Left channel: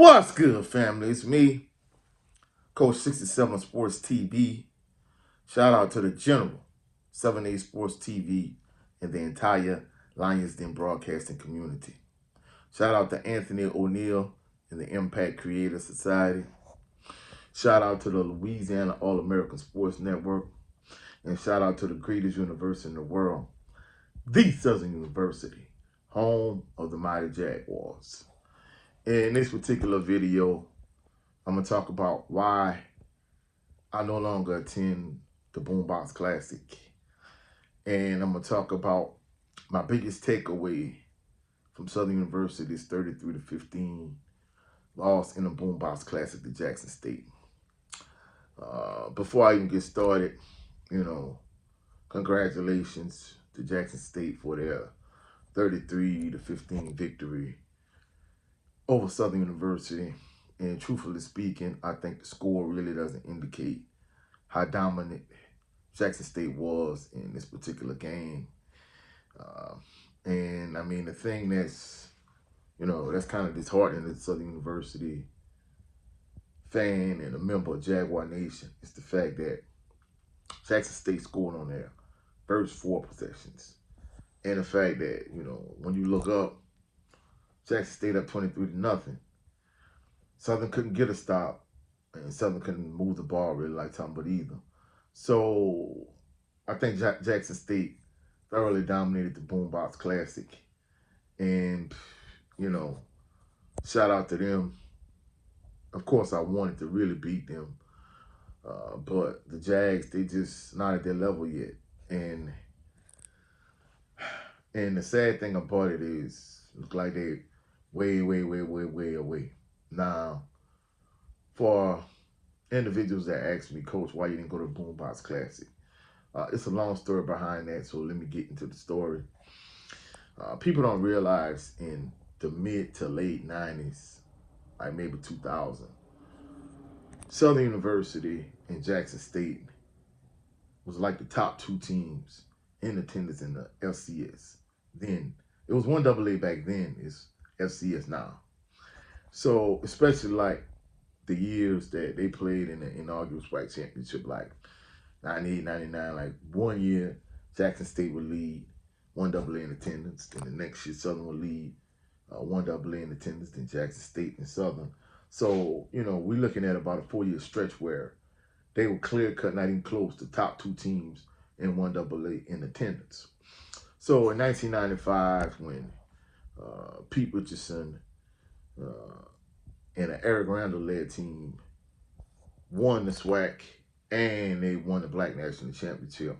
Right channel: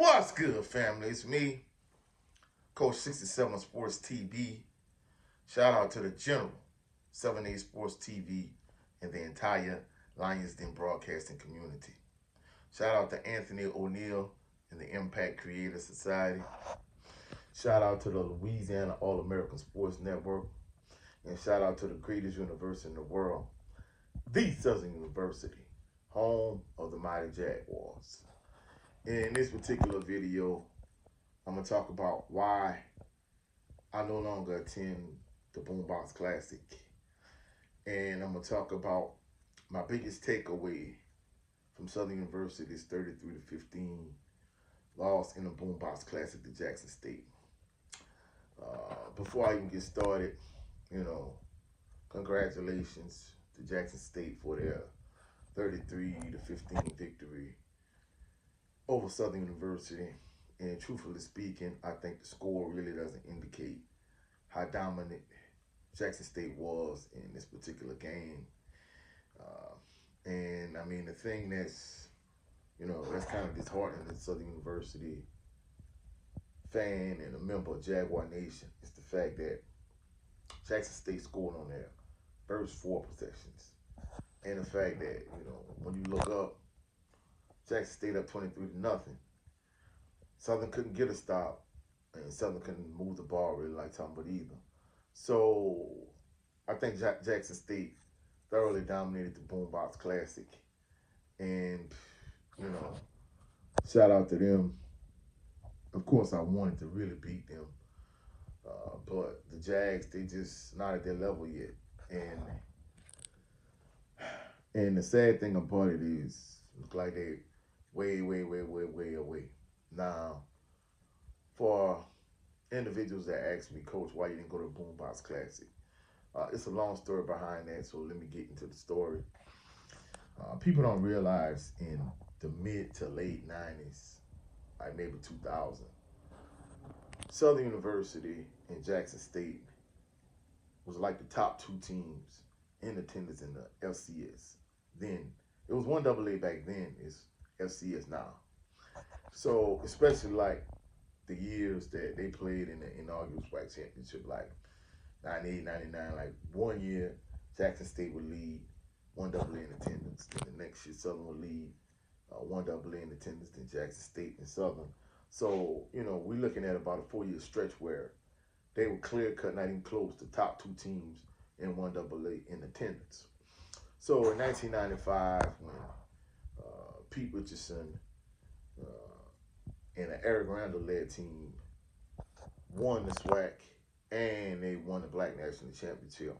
What's good, family? It's me, Coach 67 Sports TV. Shout out to the General, 7A Sports TV, and the entire Lions Den broadcasting community. Shout out to Anthony O'Neill and the Impact Creative Society. Shout out to the Louisiana All-American Sports Network. And shout out to the greatest university in the world, the Southern University, home of the mighty Jaguars. In this particular video, I'm going to talk about why I no longer attend the Boombox Classic. And I'm going to talk about my biggest takeaway from Southern University's 33-15 loss in the Boombox Classic to Jackson State. Before I even get started, congratulations to Jackson State for their 33-15 victory over Southern University. And truthfully speaking, I think the score really doesn't indicate how dominant Jackson State was in this particular game. And I mean, the thing that's, that's kind of disheartening to Southern University fan and a member of Jaguar Nation is the fact that Jackson State scored on their first 4 possessions. And the fact that, when you look up, Jackson State up 23-0. Southern couldn't get a stop, and Southern couldn't move the ball really like Tom, but either. So I think Jackson State thoroughly dominated the Boombox Classic. And, shout out to them. Of course, I wanted to really beat them. But the Jags, they just not at their level yet. And the sad thing about it is, look like they're way away. Now, for individuals that ask me, Coach, why you didn't go to Boombox Classic? It's a long story behind that, so let me get into the story. People don't realize in the mid to late 90s, like maybe 2000, Southern University and Jackson State was like the top 2 teams in attendance in the FCS. Then, it was 1AA back then, it's FCS now. So, especially like the years that they played in the inaugural SWAC championship, like 98, 99, like one year, Jackson State would lead 1AA in attendance. Then the next year, Southern would lead 1AA in attendance, then Jackson State and Southern. So, we're looking at about a 4-year stretch where they were clear-cut, not even close, the top 2 teams in 1AA in attendance. So in 1995, when Pete Richardson and an Eric Randall-led team won the SWAC and they won the Black National Championship,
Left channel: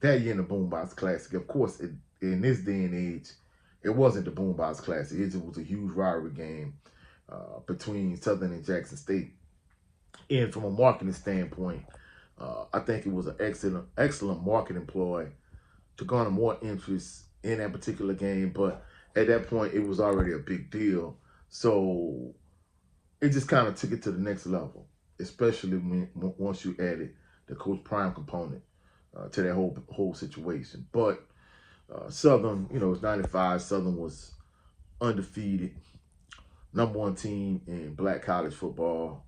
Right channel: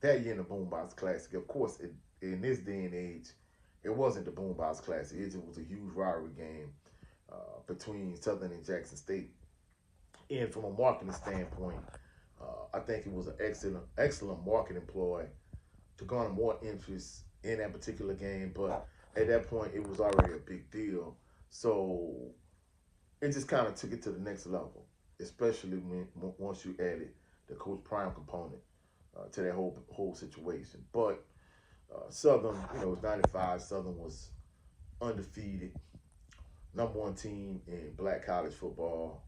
that year in the Boombox Classic, of course, in this day and age, it wasn't the Boombox Classic. It was a huge rivalry game between Southern and Jackson State. And from a marketing standpoint, I think it was an excellent marketing ploy to garner more interest in that particular game. But at that point, it was already a big deal. So it just kind of took it to the next level, especially once you added the Coach Prime component to that whole situation. But Southern, it was 95. Southern was undefeated, #1 team in black college football.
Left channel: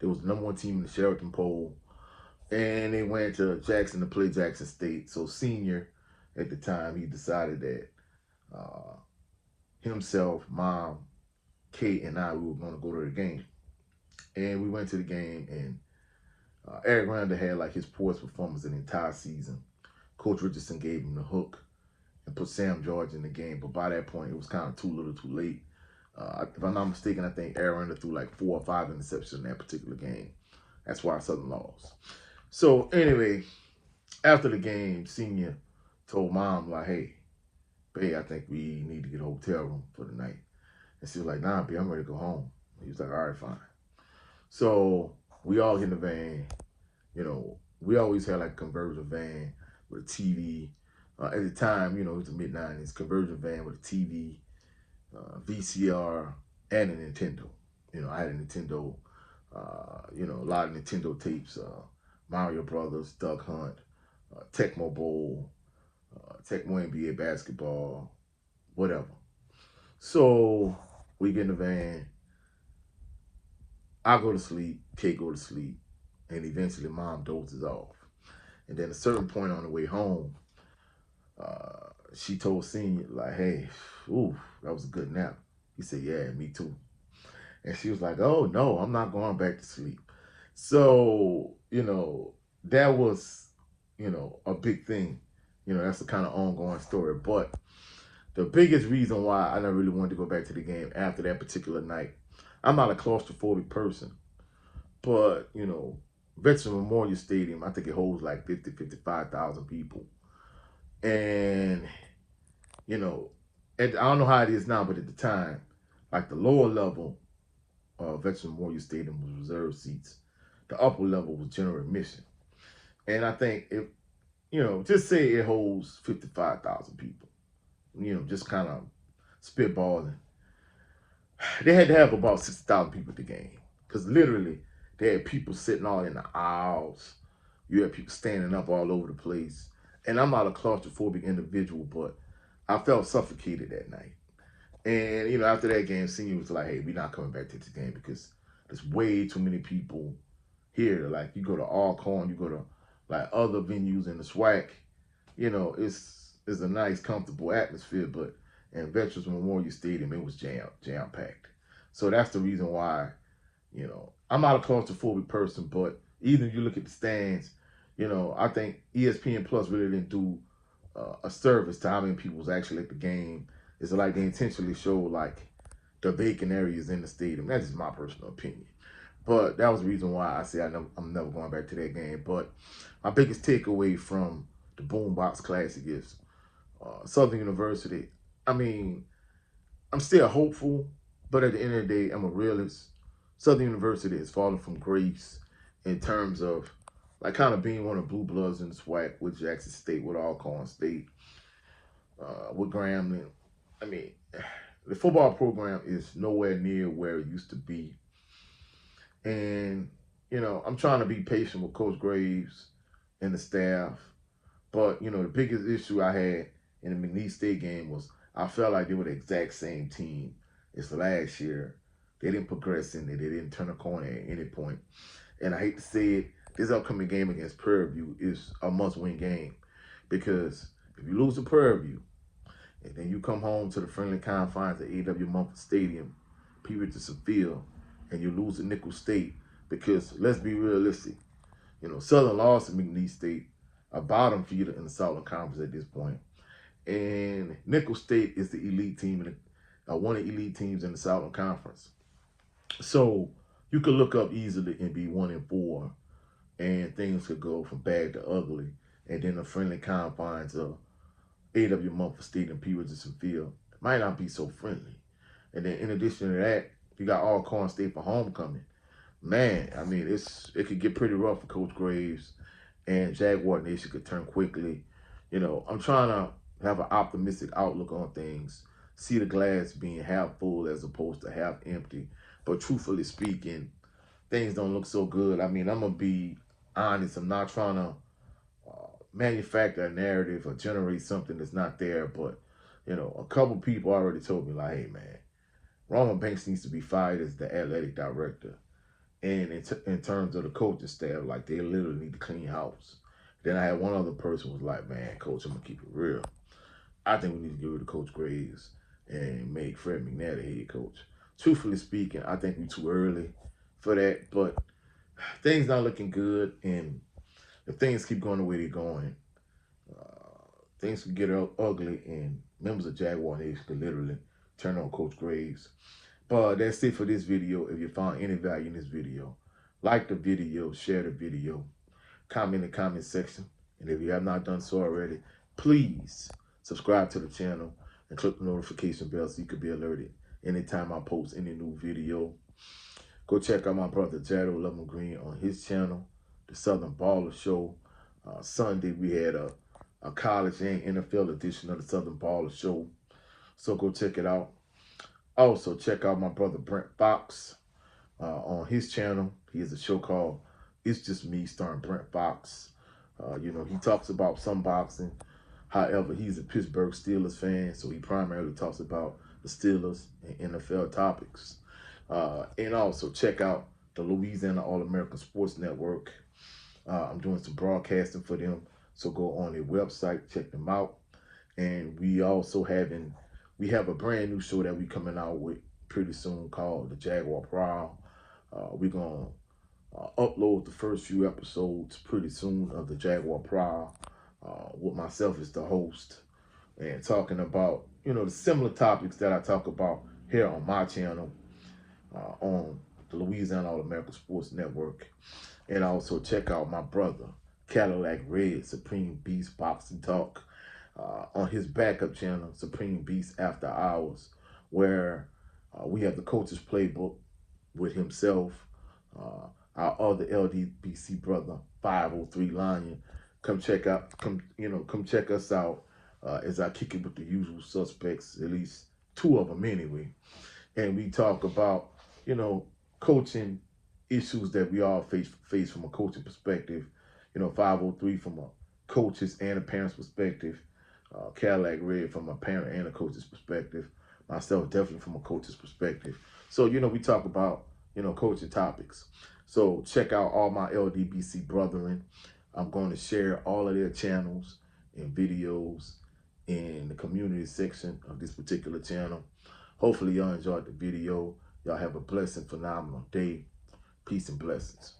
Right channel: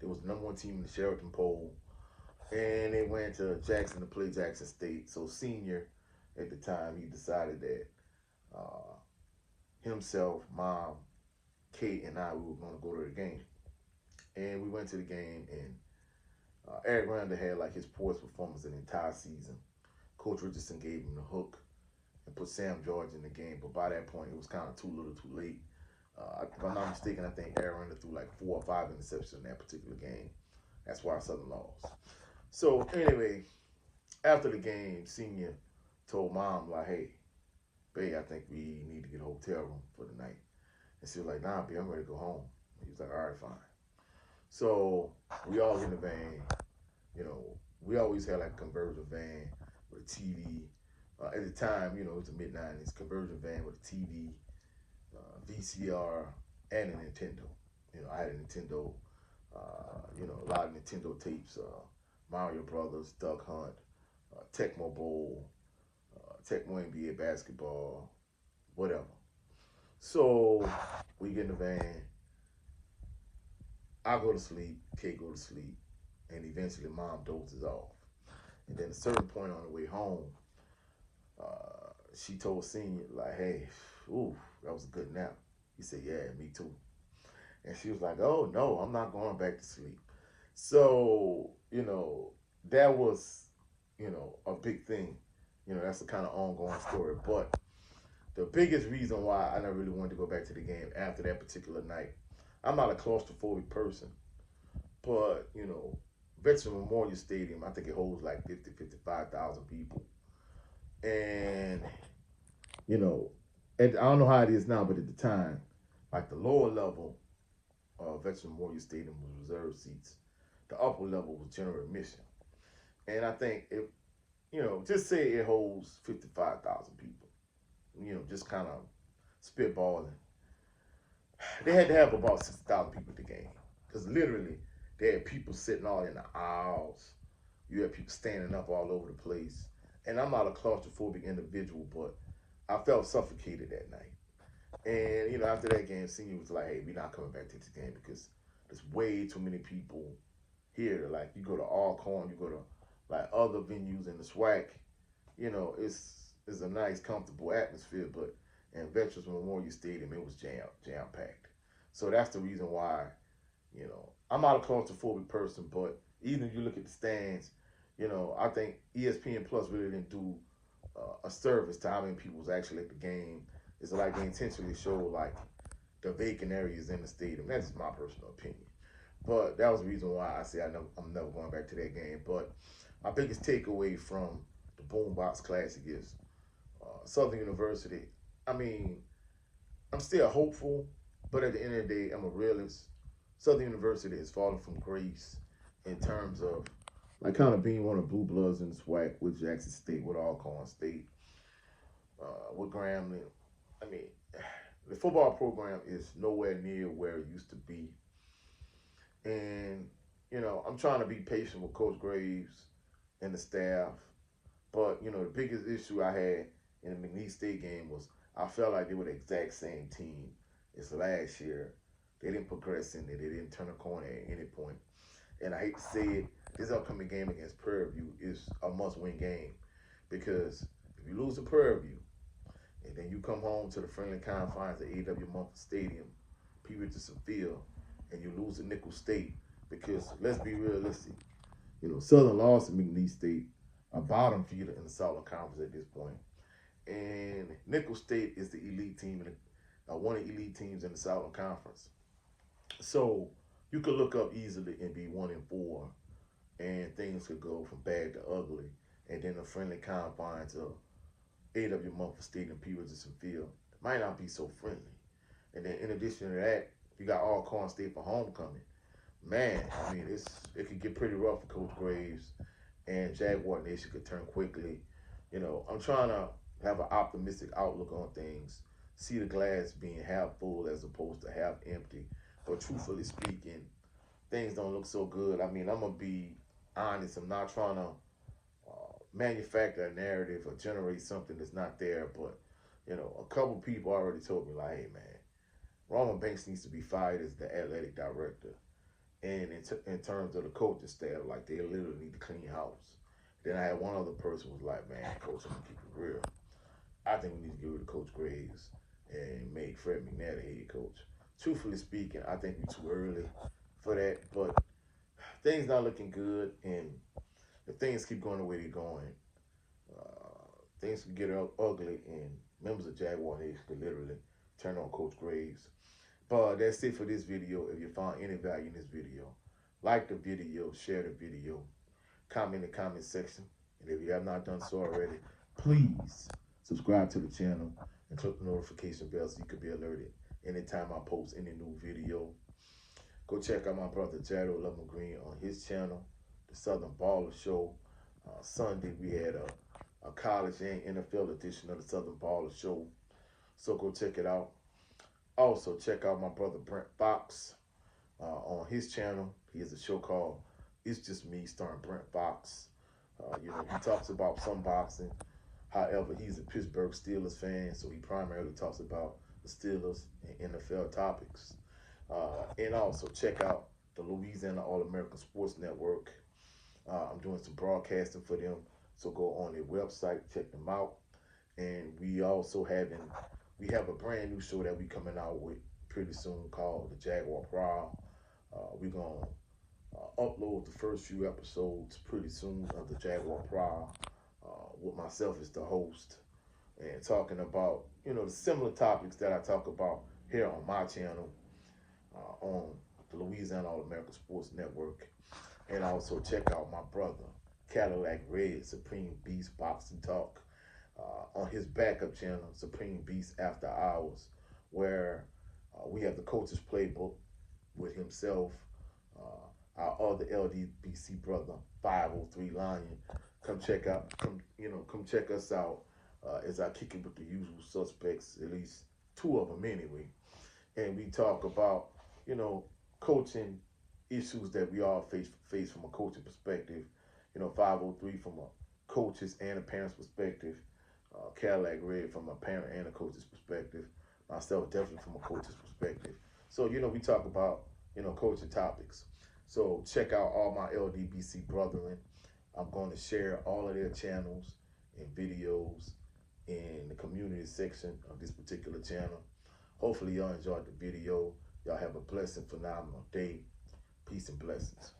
They was the #1 team in the Sheraton poll. And they went to Jackson to play Jackson State. So Senior, at the time, he decided that himself, Mom, Kate, and I, we were going to go to the game. And we went to the game, and Eric Randall had like his poorest performance in the entire season. Coach Richardson gave him the hook and put Sam George in the game. But by that point, it was kind of too little too late. If I'm not mistaken, I think Eric Randall threw like 4 or 5 interceptions in that particular game. That's why Southern lost. So anyway, after the game, Senior told Mom, like, hey, babe, I think we need to get a hotel room for the night. And she was like, nah, babe, I'm ready to go home. He was like, all right, fine. So we all get in the van. We always had like a conversion van with a TV. At the time, it was the mid-90s, conversion van with a TV, VCR, and a Nintendo. I had a Nintendo, a lot of Nintendo tapes, Mario Brothers, Duck Hunt, Tecmo Bowl, Tecmo NBA basketball, whatever. So we get in the van. I go to sleep, Kate go to sleep, and eventually mom dozes off. And then at a certain point on the way home, she told Senior, like, hey, ooh, that was a good nap. He said, yeah, me too. And she was like, oh, no, I'm not going back to sleep. So, that was, a big thing. That's the kind of ongoing story. But the biggest reason why I never really wanted to go back to the game after that particular night, I'm not a claustrophobic person, but, Veterans Memorial Stadium, I think it holds like 50, 55,000 people. And, you know, I don't know how it is now, but at the time, like the lower level Veterans Memorial Stadium was reserved seats. The upper level was general admission. And I think if, just say it holds 55,000 people, just kind of spitballing. They had to have about 60,000 people at the game. Because literally, they had people sitting all in the aisles. You had people standing up all over the place. And I'm not a claustrophobic individual, but I felt suffocated that night. And, after that game, Senior was like, hey, we're not coming back to this game because there's way too many people here. Like, you go to Alcorn, you go to, like, other venues in the SWAC, it's a nice, comfortable atmosphere, but in Veterans Memorial Stadium, it was jam-packed. So that's the reason why, I'm not a claustrophobic person, but even if you look at the stands, I think ESPN Plus really didn't do a service to how many people was actually at the game. It's like they intentionally show like the vacant areas in the stadium. That's just my personal opinion. But that was the reason why I say I'm never going back to that game. But my biggest takeaway from the Boombox Classic is Southern University. I mean, I'm still hopeful, but at the end of the day, I'm a realist. Southern University has fallen from grace in terms of like kind of being one of the blue bloods in the SWAC with Jackson State, with Alcorn State, with Grambling. I mean, the football program is nowhere near where it used to be. And, I'm trying to be patient with Coach Graves and the staff. But, the biggest issue I had in the McNeese State game was I felt like they were the exact same team as last year. They didn't progress in it. They didn't turn a corner at any point. And I hate to say it, this upcoming game against Prairie View is a must-win game. Because if you lose to Prairie View, and then you come home to the friendly confines of A.W. Mumford Stadium, P. Richardson Field, and you lose to Nicholls State, because let's be realistic, Southern lost to McNeese State, a bottom feeder in the Southern Conference at this point. And Nicholls State is the elite team, one of the elite teams in the Southern Conference. So you could look up easily and be 1-4, and things could go from bad to ugly. And then the friendly confines of A.W. Mumford Stadium, P. Richardson Field might not be so friendly. And then in addition to that, you got Alcorn State for homecoming. Man, I mean, it could get pretty rough for Coach Graves, and Jaguar Nation could turn quickly. I'm trying to have an optimistic outlook on things, see the glass being half full as opposed to half empty. But truthfully speaking, things don't look so good. I mean, I'm going to be honest. I'm not trying to manufacture a narrative or generate something that's not there. But, a couple people already told me, like, hey, man, Roman Banks needs to be fired as the athletic director. And in terms of the coaching staff, like, they literally need to clean house. Then I had one other person was like, man, Coach, I'm going to keep it real. I think we need to get rid of Coach Graves and make Fred McNair the head coach. Truthfully speaking, I think we're too early for that. But things not looking good. And if things keep going the way they're going, things could get ugly. And members of Jaguar Nation could literally turn on Coach Graves. But that's it for this video. If you found any value in this video, like the video, share the video, comment in the comment section. And if you have not done so already, please subscribe to the channel and click the notification bell so you can be alerted anytime I post any new video. Go check out my brother Jado Lemon Green on his channel, The Southern Baller Show. Sunday we had a college and NFL edition of The Southern Baller Show. So go check it out. Also, check out my brother Brent Fox on his channel. He has a show called It's Just Me, starring Brent Fox. He talks about some boxing. However, he's a Pittsburgh Steelers fan, so he primarily talks about the Steelers and NFL topics. And also check out the Louisiana All-American Sports Network. I'm doing some broadcasting for them. So go on their website, check them out. And we have a brand new show that we coming out with pretty soon called the Jaguar Prowl. We're gonna upload the first few episodes pretty soon of the Jaguar Prowl with myself as the host and talking about the similar topics that I talk about here on my channel on the Louisiana All American Sports Network. And also check out my brother Cadillac Red Supreme Beast Boxing Talk on his backup channel Supreme Beast After Hours, where we have the coach's playbook with himself, our other LDBC brother 503 Lion. Come check us out as I kick it with the usual suspects, at least two of them anyway. And we talk about coaching issues that we all face from a coaching perspective. 503 from a coach's and a parent's perspective. Cadillac Red from a parent and a coach's perspective. Myself definitely from a coach's perspective. So we talk about coaching topics. So check out all my LDBC brethren. I'm going to share all of their channels and videos in the community section of this particular channel. Hopefully y'all enjoyed the video. Y'all have a blessed, phenomenal day. Peace and blessings.